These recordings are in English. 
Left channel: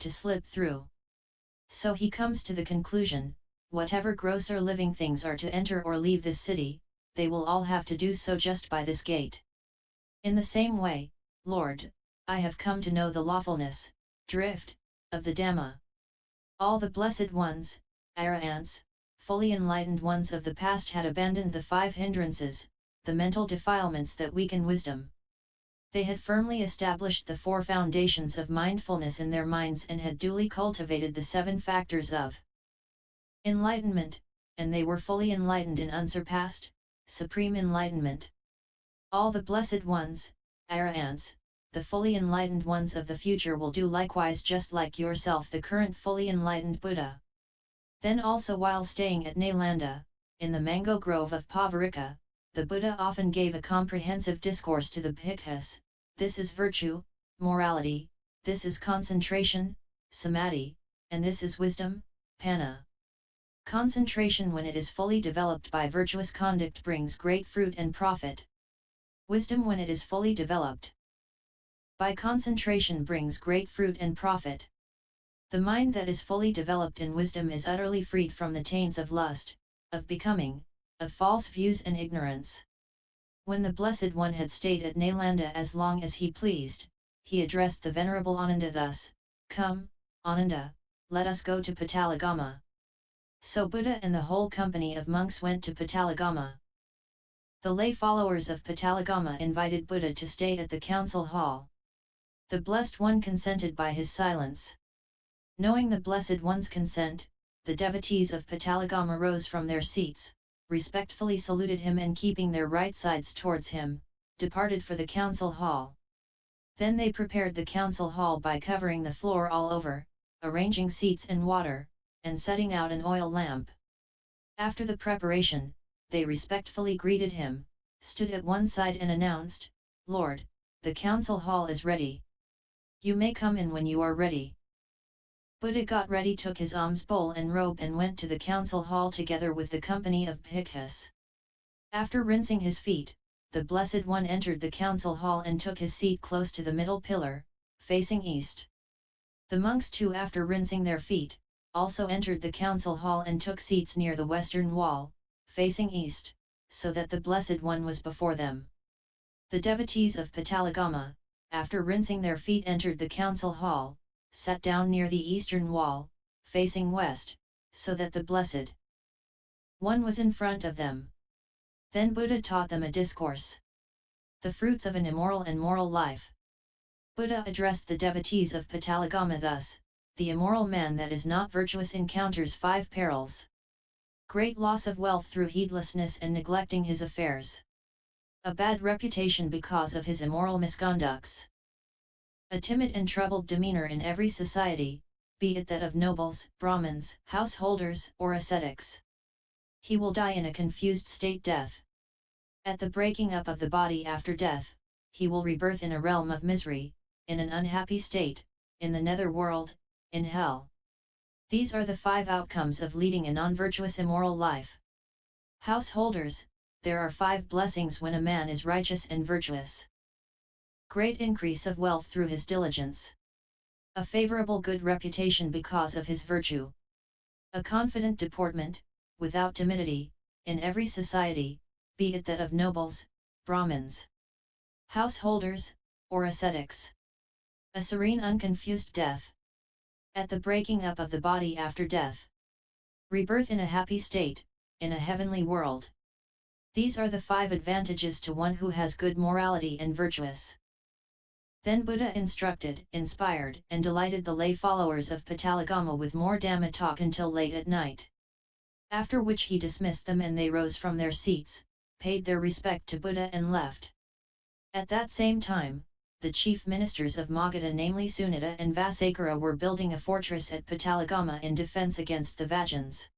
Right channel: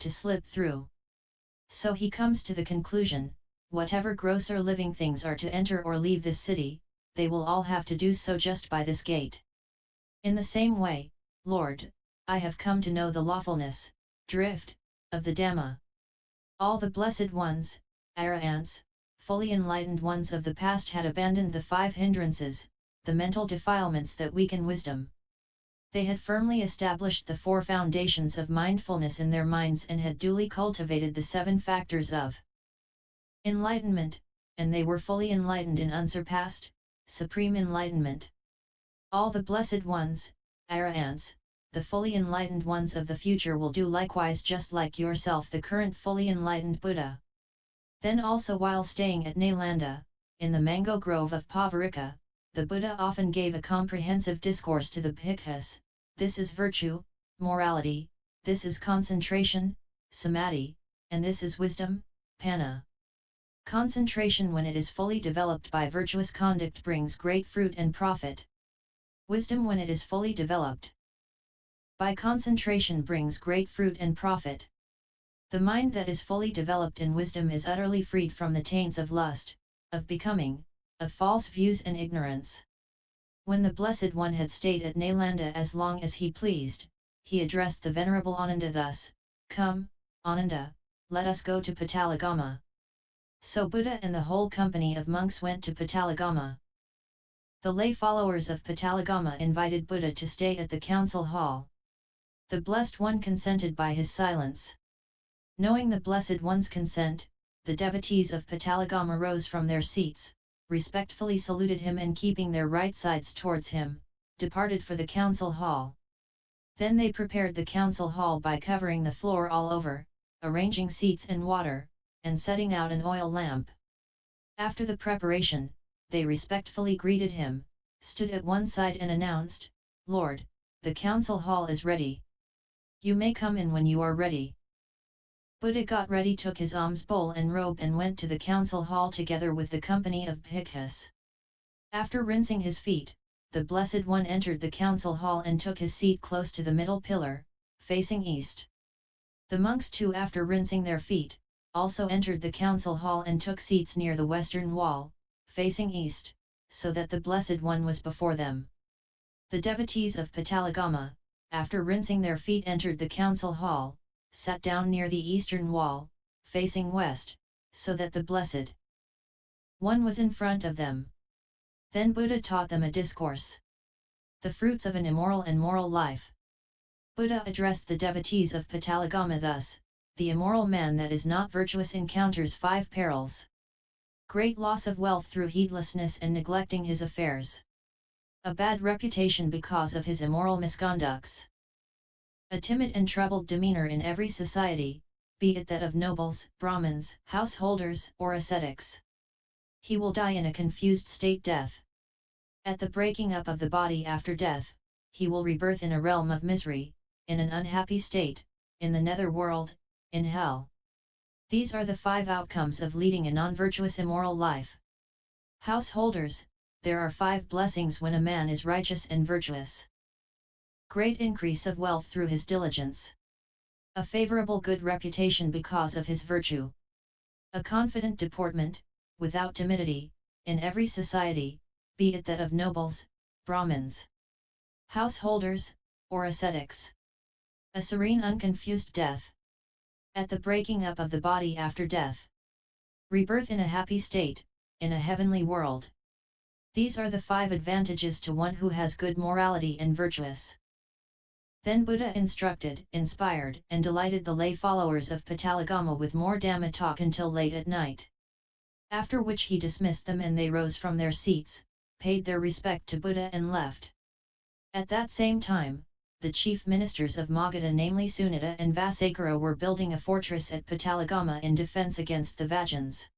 to slip through. So he comes to the conclusion, whatever grosser living things are to enter or leave this city, they will all have to do so just by this gate. In the same way, Lord, I have come to know the lawfulness, drift, of the Dhamma. All the blessed ones, arahants, fully enlightened ones of the past had abandoned the 5 hindrances, the mental defilements that weaken wisdom. They had firmly established the 4 foundations of mindfulness in their minds and had duly cultivated the 7 factors of enlightenment, and they were fully enlightened in unsurpassed, supreme enlightenment. All the blessed ones, arahants, the fully enlightened ones of the future will do likewise, just like yourself, the current fully enlightened Buddha. Then also, while staying at Nalanda, in the mango grove of Pavarika, the Buddha often gave a comprehensive discourse to the bhikkhus. This is virtue, morality, this is concentration, samadhi, and this is wisdom, panna. Concentration, when it is fully developed by virtuous conduct, brings great fruit and profit. Wisdom, when it is fully developed by concentration, brings great fruit and profit. The mind that is fully developed in wisdom is utterly freed from the taints of lust, of becoming, of false views and ignorance. When the Blessed One had stayed at Nalanda as long as he pleased, he addressed the Venerable Ananda thus, "Come, Ananda, let us go to Pataligama." So Buddha and the whole company of monks went to Pataligama. The lay followers of Pataligama invited Buddha to stay at the council hall. The Blessed One consented by his silence. Knowing the Blessed One's consent, the devotees of Pataligama rose from their seats, respectfully saluted him, and keeping their right sides towards him, departed for the council hall. Then they prepared the council hall by covering the floor all over, arranging seats and water, and setting out an oil lamp. After the preparation, they respectfully greeted him, stood at one side and announced, "Lord, the council hall is ready. You may come in when you are ready." Buddha got ready, took his alms bowl and robe, and went to the council hall together with the company of bhikkhus. After rinsing his feet, the Blessed One entered the council hall and took his seat close to the middle pillar, facing east. The monks too, after rinsing their feet, also entered the council hall and took seats near the western wall, facing east, so that the Blessed One was before them. The devotees of Pataligama, after rinsing their feet, entered the council hall, sat down near the eastern wall, facing west, so that the Blessed One was in front of them. Then Buddha taught them a discourse. The fruits of an immoral and moral life. Buddha addressed the devotees of Pataligama thus, "The immoral man that is not virtuous encounters 5 perils. Great loss of wealth through heedlessness and neglecting his affairs. A bad reputation because of his immoral misconducts. A timid and troubled demeanor in every society, be it that of nobles, brahmins, householders, or ascetics. He will die in a confused state, death. At the breaking up of the body after death, he will rebirth in a realm of misery, in an unhappy state, in the nether world, in hell. These are the 5 outcomes of leading a non-virtuous immoral life. Householders, there are 5 blessings when a man is righteous and virtuous. Great increase of wealth through his diligence. A favorable good reputation because of his virtue. A confident deportment, without timidity, in every society, be it that of nobles, brahmins, householders, or ascetics. A serene unconfused death. At the breaking up of the body after death. Rebirth in a happy state, in a heavenly world. These are the 5 advantages to one who has good morality and virtuous. Then Buddha instructed, inspired, and delighted the lay followers of Pataligama with more Dhamma talk until late at night. After which he dismissed them, and they rose from their seats, paid their respect to Buddha, and left. At that same time, the chief ministers of Magadha, namely Sunita and Vasakara, were building a fortress at Pataligama in defense against the Vajans.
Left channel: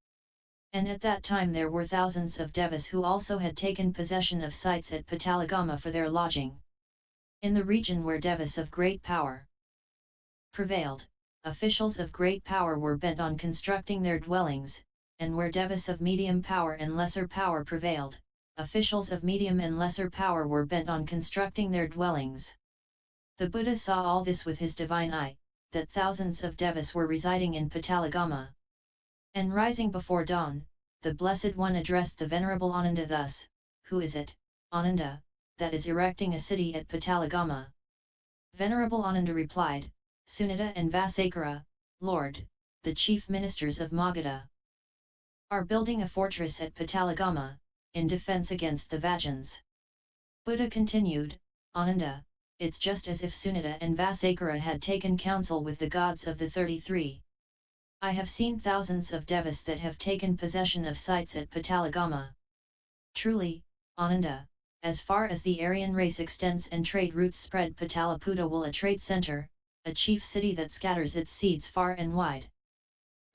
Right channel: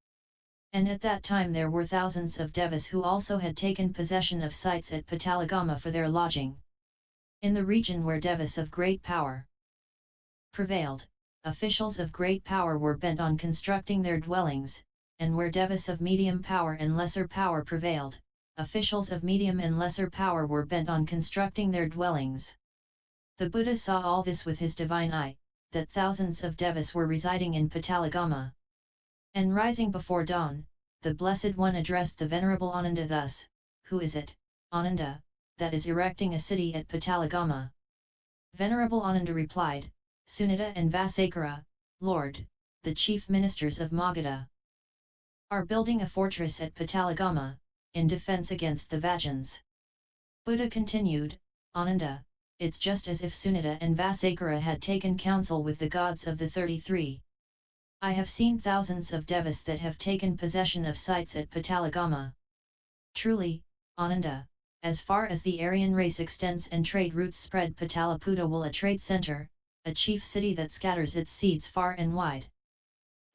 And at that time there were thousands of devas who also had taken possession of sites at Pataligama for their lodging. In the region where devas of great power prevailed, officials of great power were bent on constructing their dwellings, and where devas of medium power and lesser power prevailed, officials of medium and lesser power were bent on constructing their dwellings. The Buddha saw all this with his divine eye, that thousands of devas were residing in Pataligama. And rising before dawn, the Blessed One addressed the Venerable Ananda thus, "Who is it, Ananda, that is erecting a city at Pataligama?" Venerable Ananda replied, "Sunita and Vasakara, Lord, the chief ministers of Magadha, are building a fortress at Pataligama, in defense against the Vajans." Buddha continued, "Ananda, it's just as if Sunita and Vasakara had taken counsel with the gods of the 33. I have seen thousands of devas that have taken possession of sites at Pataligama. Truly, Ananda, as far as the Aryan race extends and trade routes spread, Pataliputra will a trade center, a chief city that scatters its seeds far and wide.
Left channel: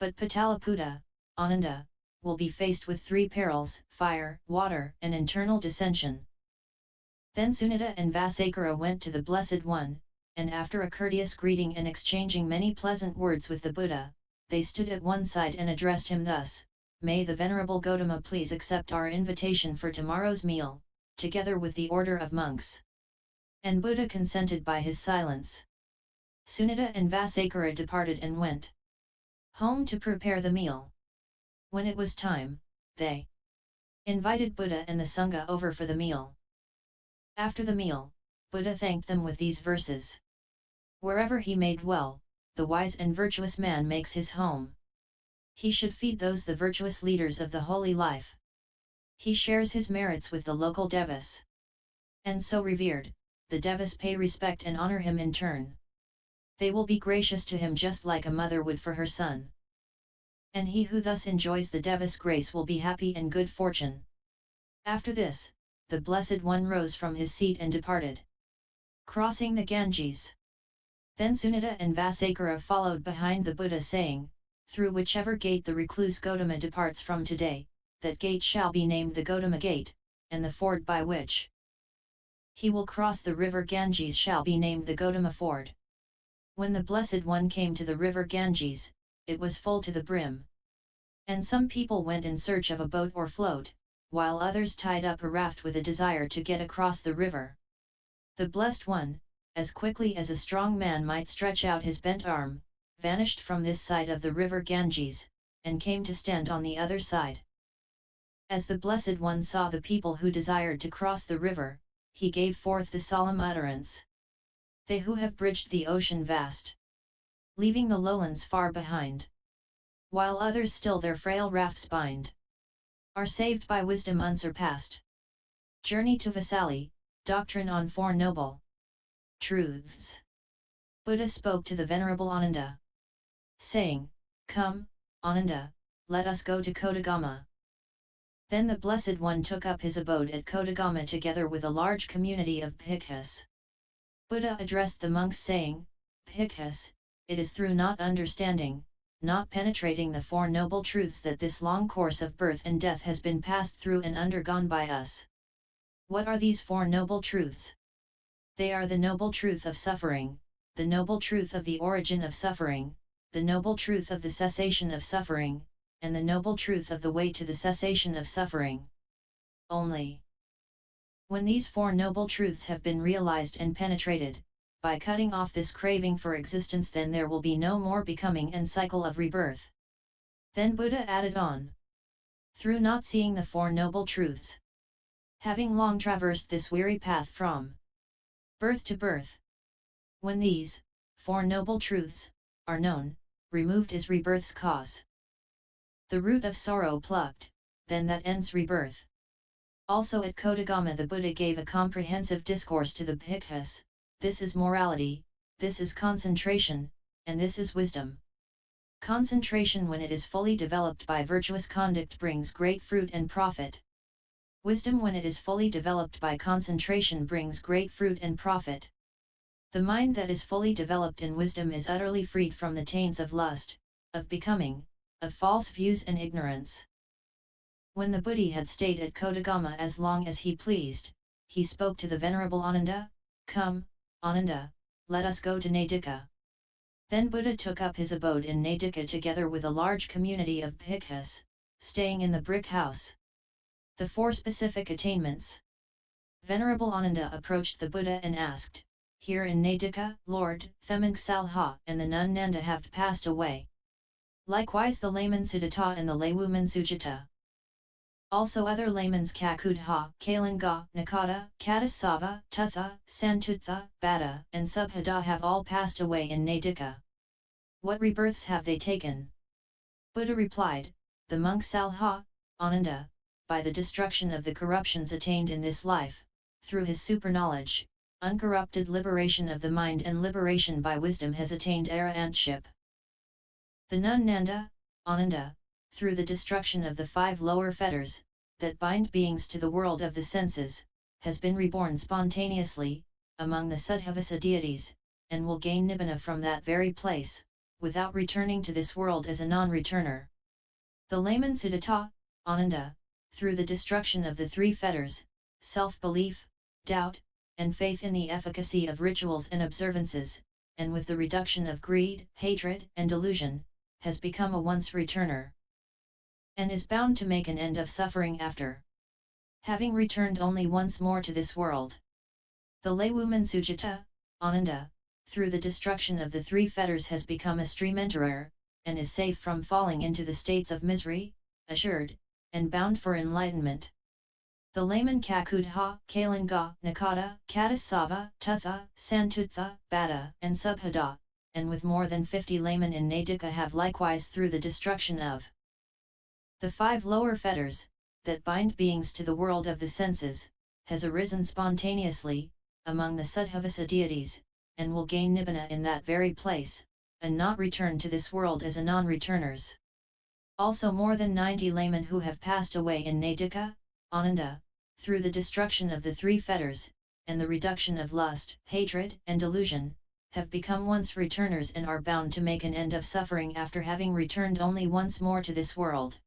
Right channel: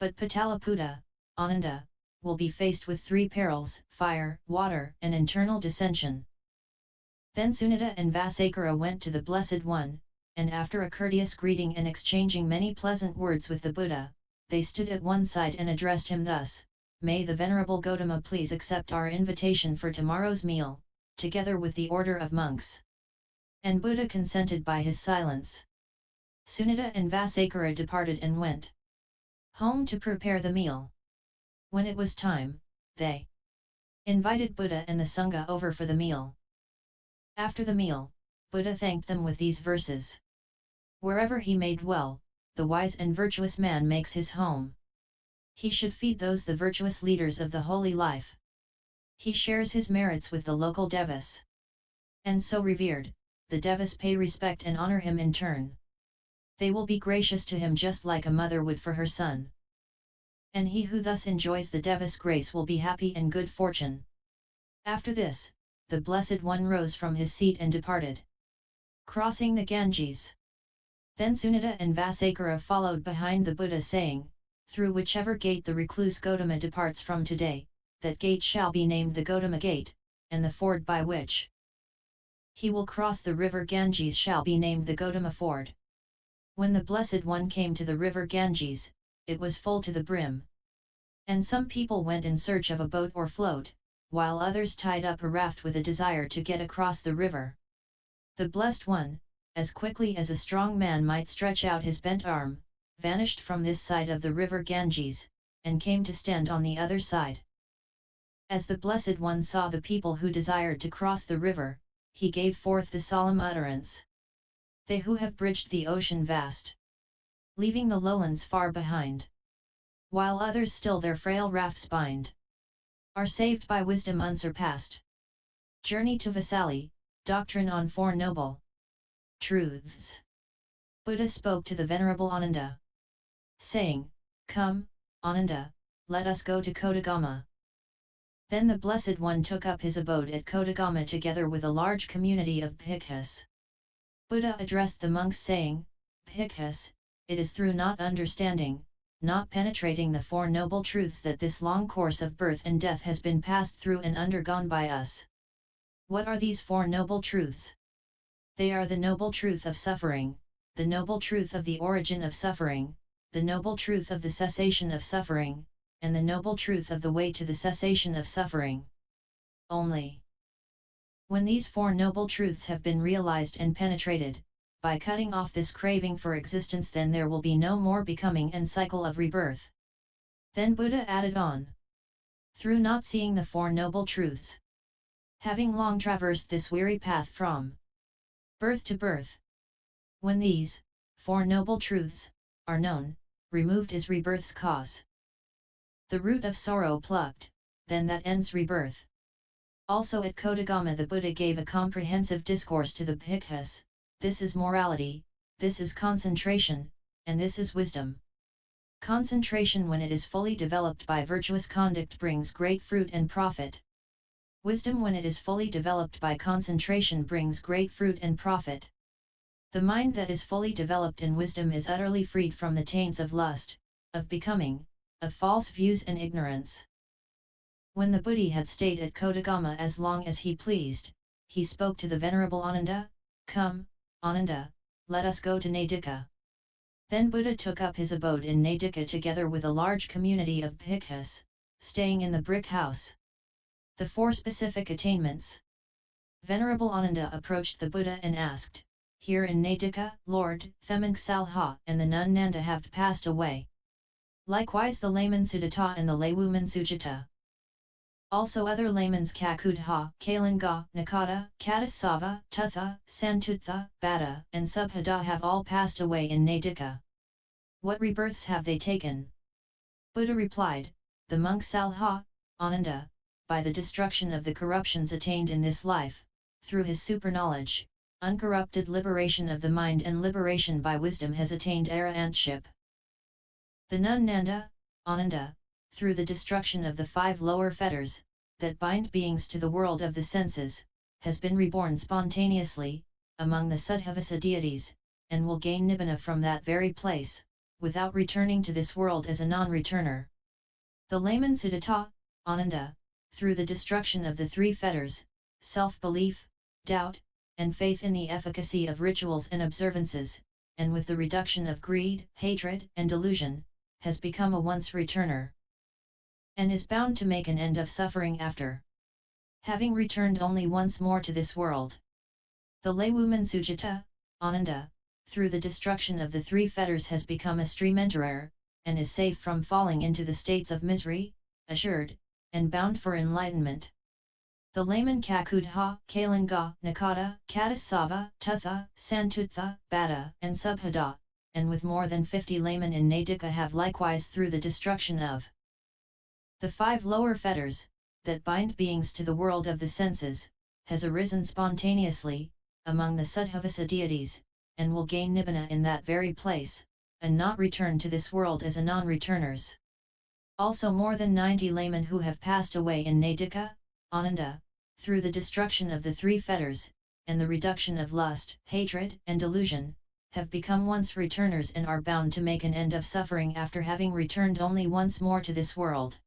But Pataliputra, Ananda, will be faced with 3 perils: fire, water, and internal dissension." Then Sunita and Vasakara went to the Blessed One, and after a courteous greeting and exchanging many pleasant words with the Buddha, they stood at one side and addressed him thus, "May the Venerable Gautama please accept our invitation for tomorrow's meal, together with the order of monks." And Buddha consented by his silence. Sunita and Vasakara departed and went home to prepare the meal. When it was time, they invited Buddha and the Sangha over for the meal. After the meal, Buddha thanked them with these verses. "Wherever he may dwell, the wise and virtuous man makes his home. He should feed those the virtuous leaders of the holy life. He shares his merits with the local devas. And so revered, the devas pay respect and honor him in turn. They will be gracious to him just like a mother would for her son. And he who thus enjoys the devas' grace will be happy and good fortune." After this, the Blessed One rose from his seat and departed, crossing the Ganges. Then Sunita and Vasakara followed behind the Buddha, saying, "Through whichever gate the recluse Gautama departs from today, that gate shall be named the Gautama Gate, and the ford by which he will cross the river Ganges shall be named the Gautama Ford." When the Blessed One came to the river Ganges, it was full to the brim. And some people went in search of a boat or float, while others tied up a raft with a desire to get across the river. The Blessed One, as quickly as a strong man might stretch out his bent arm, vanished from this side of the river Ganges, and came to stand on the other side. As the Blessed One saw the people who desired to cross the river, he gave forth the solemn utterance, "They who have bridged the ocean vast, leaving the lowlands far behind, while others still their frail rafts bind, are saved by wisdom unsurpassed. Journey to Vaisali, doctrine on 4 noble truths." Buddha spoke to the Venerable Ananda, saying, "Come, Ananda, let us go to Kodagama." Then the Blessed One took up his abode at Kodagama together with a large community of bhikkhus. Buddha addressed the monks saying, "Bhikkhus, it is through not understanding, not penetrating the 4 noble truths that this long course of birth and death has been passed through and undergone by us." What are these 4 noble truths? They are the noble truth of suffering, the noble truth of the origin of suffering, the noble truth of the cessation of suffering, and the noble truth of the way to the cessation of suffering. Only when these 4 noble truths have been realized and penetrated, by cutting off this craving for existence, then there will be no more becoming and cycle of rebirth. Then Buddha added on, "Through not seeing the 4 noble truths, having long traversed this weary path from birth to birth, when these 4 noble truths are known, removed is rebirth's cause. The root of sorrow plucked, then that ends rebirth." Also at Kodagama the Buddha gave a comprehensive discourse to the bhikkhus, "This is morality, this is concentration, and this is wisdom. Concentration when it is fully developed by virtuous conduct brings great fruit and profit. Wisdom when it is fully developed by concentration brings great fruit and profit. The mind that is fully developed in wisdom is utterly freed from the taints of lust, of becoming, of false views and ignorance." When the Buddha had stayed at Kodagama as long as he pleased, he spoke to the Venerable Ananda, "Come, Ananda, let us go to Nadika." Then Buddha took up his abode in Nadika together with a large community of bhikkhus, staying in the brick house. The 4 specific attainments. Venerable Ananda approached the Buddha and asked, here in Nadika, Lord, Themang Salha and the nun Nanda have passed away. Likewise the layman Siddhata and the laywoman Sujata. Also other laymans Kakudha, Kalinga, Nakada, Katasava, Tutha, Santutha, Bada, and Subhada have all passed away in Nadika. What rebirths have they taken? Buddha replied, the monk Salha, Ananda, by the destruction of the corruptions attained in this life, through his superknowledge, uncorrupted liberation of the mind and liberation by wisdom has attained arahantship. The nun Nanda, Ananda, through the destruction of the 5 lower fetters, that bind beings to the world of the senses, has been reborn spontaneously, among the Suddhavasa deities, and will gain Nibbana from that very place, without returning to this world as a non-returner. The layman Siddhata, Ananda, through the destruction of the 3 fetters, self-belief, doubt, and faith in the efficacy of rituals and observances, and with the reduction of greed, hatred, and delusion, has become a once-returner, and is bound to make an end of suffering after having returned only once more to this world. The laywoman Sujata, Ananda, through the destruction of the 3 fetters has become a stream enterer, and is safe from falling into the states of misery, assured, and bound for enlightenment. The layman Kakudha, Kalinga, Nakada, Katasava, Tutha, Santutha, Bada, and Subhada, and with more than 50 laymen in Nadika have likewise through the destruction of the 5 lower fetters, that bind beings to the world of the senses, has arisen spontaneously, among the Suddhavasa deities, and will gain Nibbana in that very place, and not return to this world as a non-returners. Also more than 90 laymen who have passed away in Nadika, Ananda, through the destruction of the 3 fetters, and the reduction of lust, hatred, and delusion, have become once returners and are bound to make an end of suffering after having returned only once more to this world.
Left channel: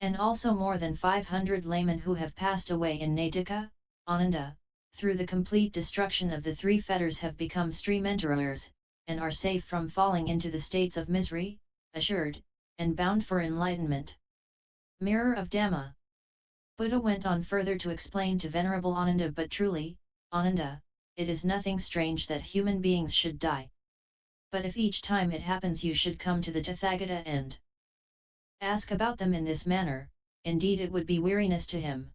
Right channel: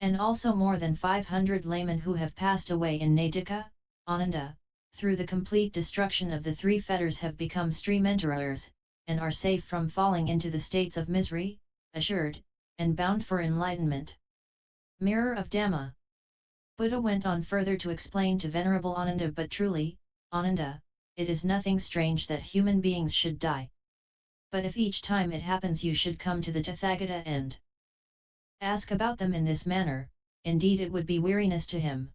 And also more than 500 laymen who have passed away in Nadika, Ananda, through the complete destruction of the 3 fetters have become stream enterers, and are safe from falling into the states of misery, assured, and bound for enlightenment. Mirror of Dhamma. Buddha went on further to explain to Venerable Ananda, but truly, Ananda, it is nothing strange that human beings should die. But if each time it happens you should come to the Tathagata and ask about them in this manner, indeed it would be weariness to him.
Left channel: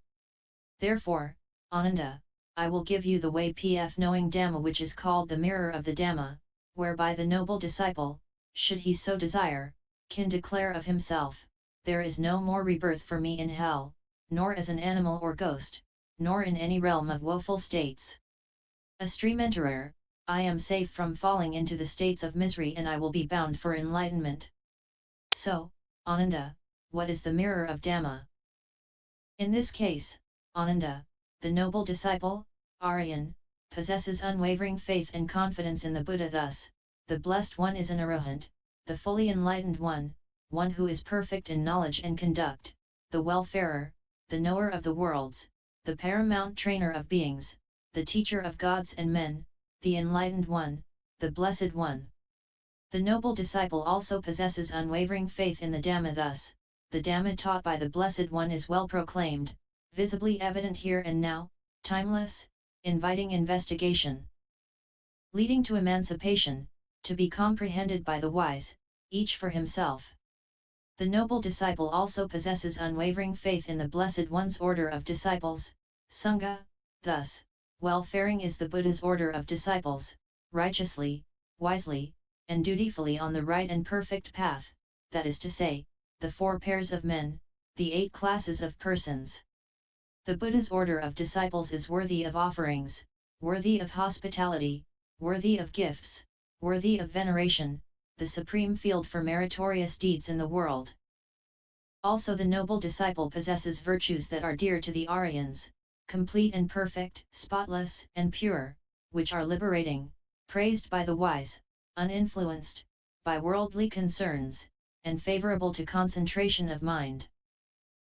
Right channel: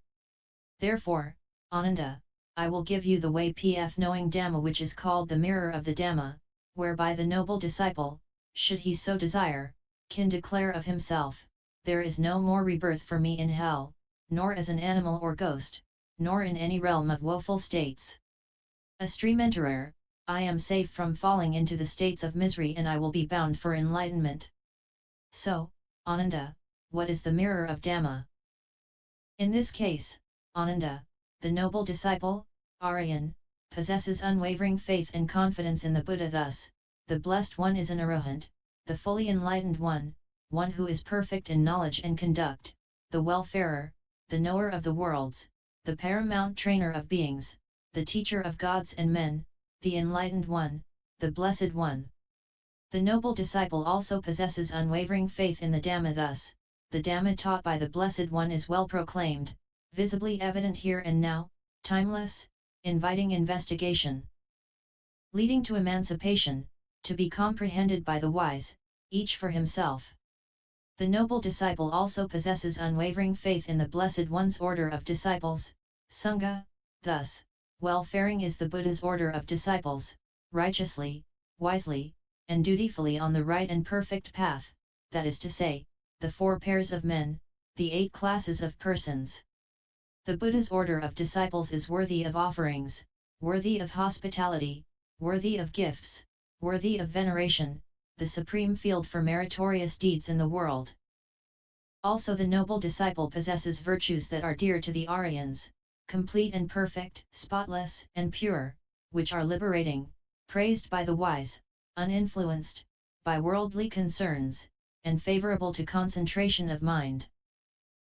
Therefore, Ananda, I will give you the way pf knowing Dhamma, which is called the mirror of the Dhamma, whereby the noble disciple, should he so desire, can declare of himself, there is no more rebirth for me in hell, nor as an animal or ghost, nor in any realm of woeful states. A stream enterer, I am safe from falling into the states of misery and I will be bound for enlightenment. So, Ananda, what is the mirror of Dhamma? In this case, Ananda, the noble disciple, Aryan, possesses unwavering faith and confidence in the Buddha. Thus, the Blessed One is an Arahant, the fully enlightened one, one who is perfect in knowledge and conduct, the welfarer, the knower of the worlds, the paramount trainer of beings, the teacher of gods and men, the enlightened one, the Blessed One. The noble disciple also possesses unwavering faith in the Dhamma. Thus, the Dhamma taught by the Blessed One is well proclaimed, visibly evident here and now, timeless, inviting investigation, leading to emancipation, to be comprehended by the wise, each for himself. The noble disciple also possesses unwavering faith in the Blessed One's order of disciples, Sangha. Thus, well-faring is the Buddha's order of disciples, righteously, wisely, and dutifully on the right and perfect path, that is to say, the 4 pairs of men, the 8 classes of persons. The Buddha's order of disciples is worthy of offerings, worthy of hospitality, worthy of gifts, worthy of veneration, the supreme field for meritorious deeds in the world. Also the noble disciple possesses virtues that are dear to the Aryans, complete and perfect, spotless and pure, which are liberating, praised by the wise, uninfluenced by worldly concerns, and favorable to concentration of mind.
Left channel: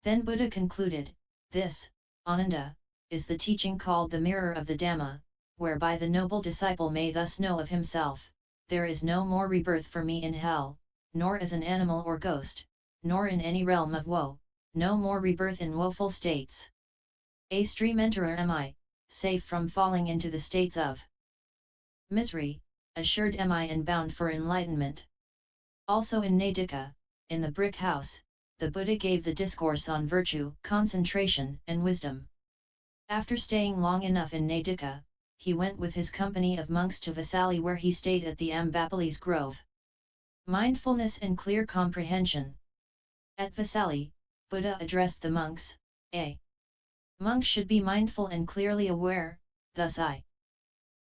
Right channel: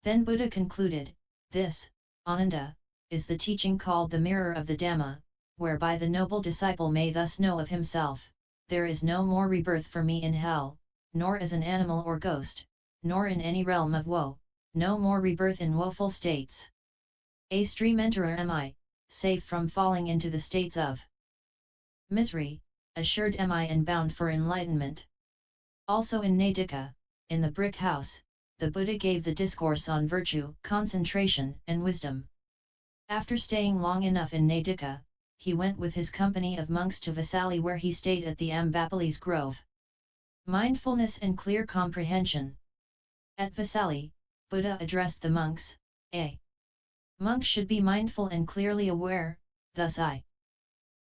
Then Buddha concluded, this, Ananda, is the teaching called the mirror of the Dhamma, whereby the noble disciple may thus know of himself, there is no more rebirth for me in hell, nor as an animal or ghost, nor in any realm of woe, no more rebirth in woeful states. A stream enterer am I, safe from falling into the states of misery, assured am I and bound for enlightenment. Also in Nadika, in the brick house, the Buddha gave the discourse on virtue, concentration and wisdom. After staying long enough in Nadika, he went with his company of monks to Vesali where he stayed at the Ambapali's grove. Mindfulness and clear comprehension. At Vesali, Buddha addressed the monks, A monk should be mindful and clearly aware, thus I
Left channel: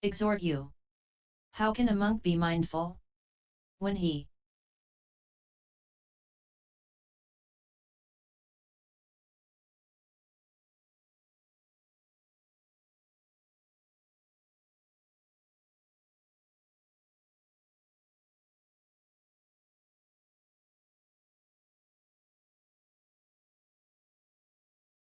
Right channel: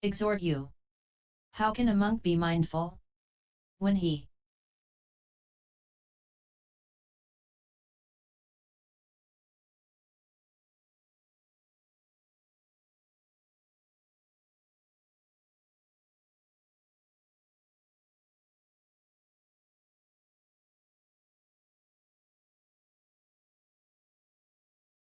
exhort you. How can a monk be mindful? When he